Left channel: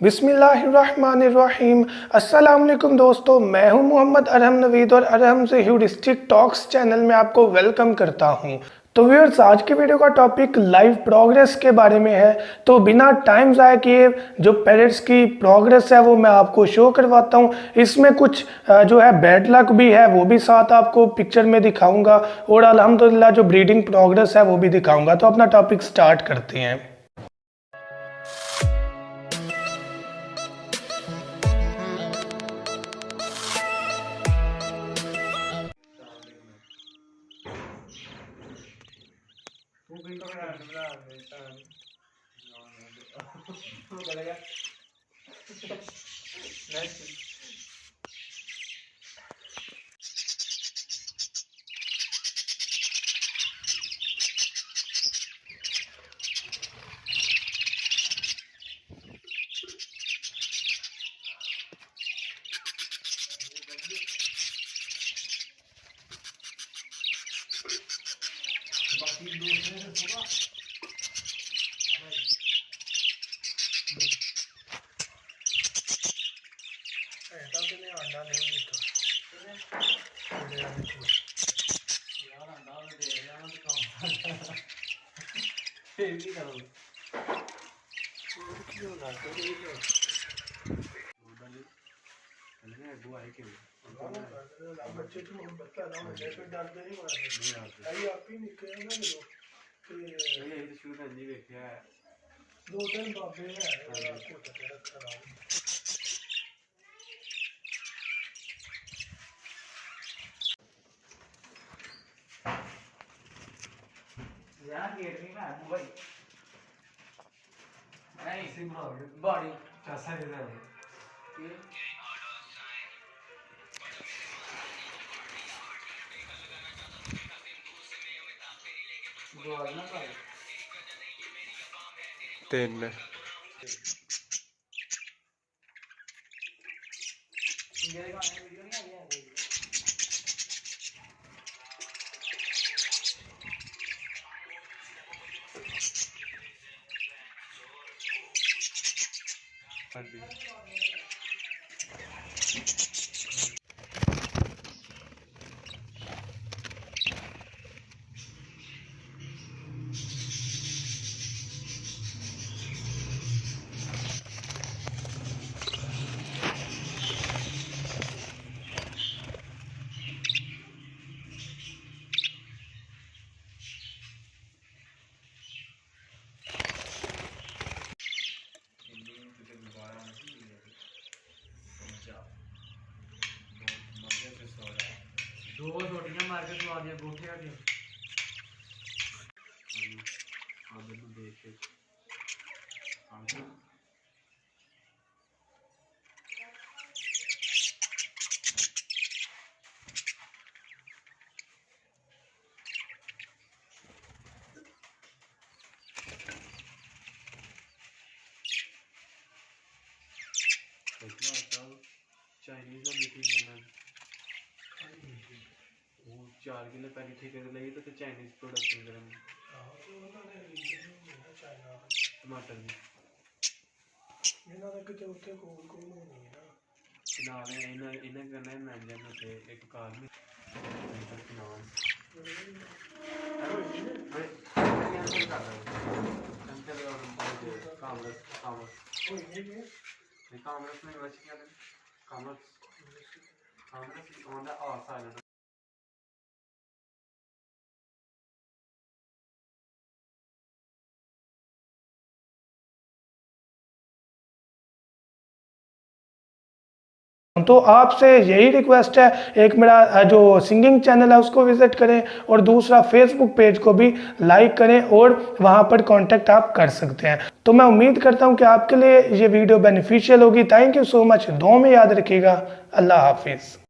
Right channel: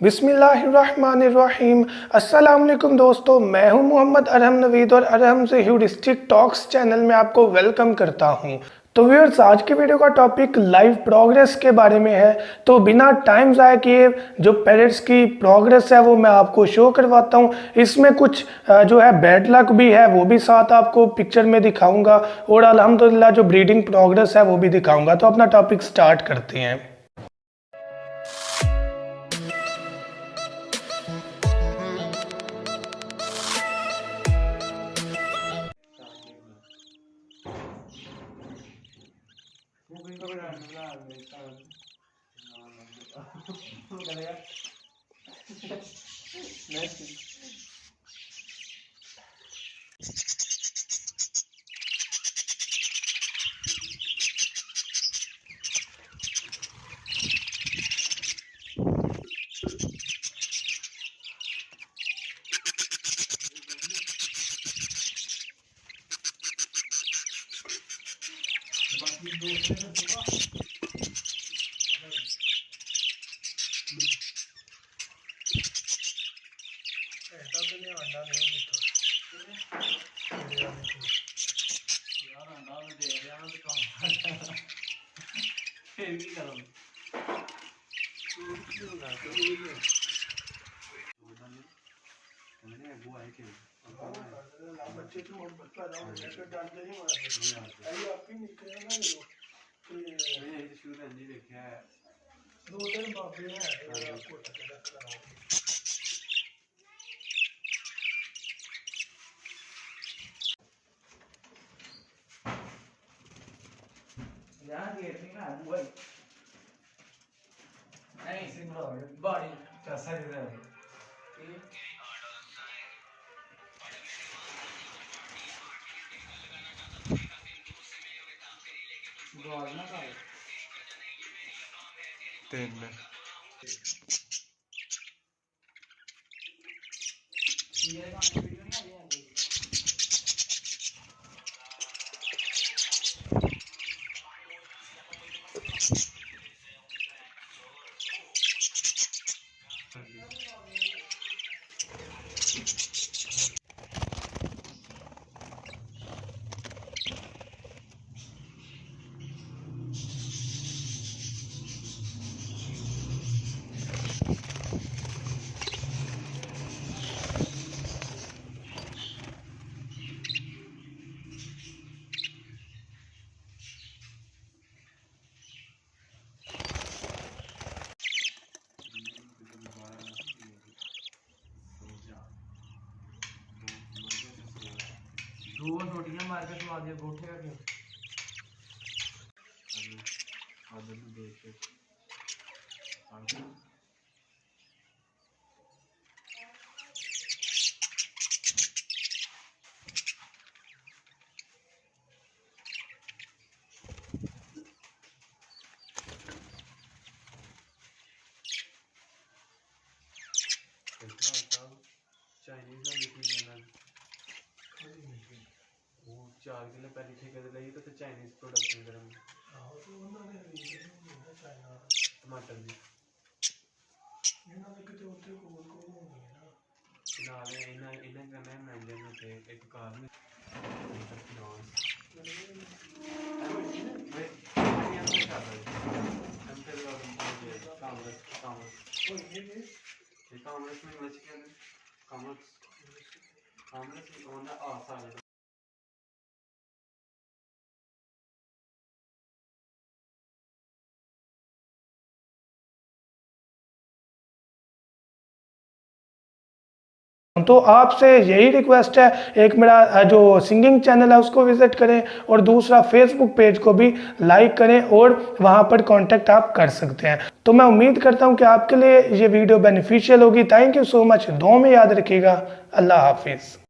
बिस्मिल्लाहिर्रहमानिर्रहीम। अस्सलाम वालेकुम दोस्तों, मैं हूं मोहम्मद अरहम नवीद और अरहम से ह्यूरिस्टिक टॉक्स चैनल में आपको वेलकम करता हूं। तो व्यूअर्स, आज के वीडियो का टॉपिक लाइव प्रोग्रेस के बारे में है। तो बिना टाइम ज़ाया किए जो पैरेट्स की प्रोग्रेस है वो मैं आपको शो करवाता हूं। इसमें कुछ जो है बैड लक भी है, वो भी साथ आपको पिक्चर में दिखाऊंगा, और अल्हम्दुलिल्लाह जो ब्रीडिंग प्रोग्रेस है वो भी दिखाऊंगा। तो अपना टॉपिक स्टार्ट करते हैं। तीन दो छोटियां मार के सुना दिया गोठे का आदर में देख के चाइनीज में मीठी बनाना 4 किलो पहले ठेके ते लगी तो चाइनीज प्रोडक्शन करेंगे टमाटर भी इन्हें करना है मैंजन होते एक कार में कामर्स में इंग्लिश क्या है commerce on the R side तो आपसे यही रिक्वेस्ट है, एक मेरा जो सिंगिंग चैनल है उसको विजिट करें, और दूसरा फेसबुक पेज को भी लाइक करें, और वहां पर कांटेक्ट आप कर सकते हैं। तो मैं उम्मीद करता हूं कि आपके लिए ये वीडियो बेनिफिशियल होगी। Thank you so much. दुआ में याद रखिएगा। अल्लाह हाफिज़।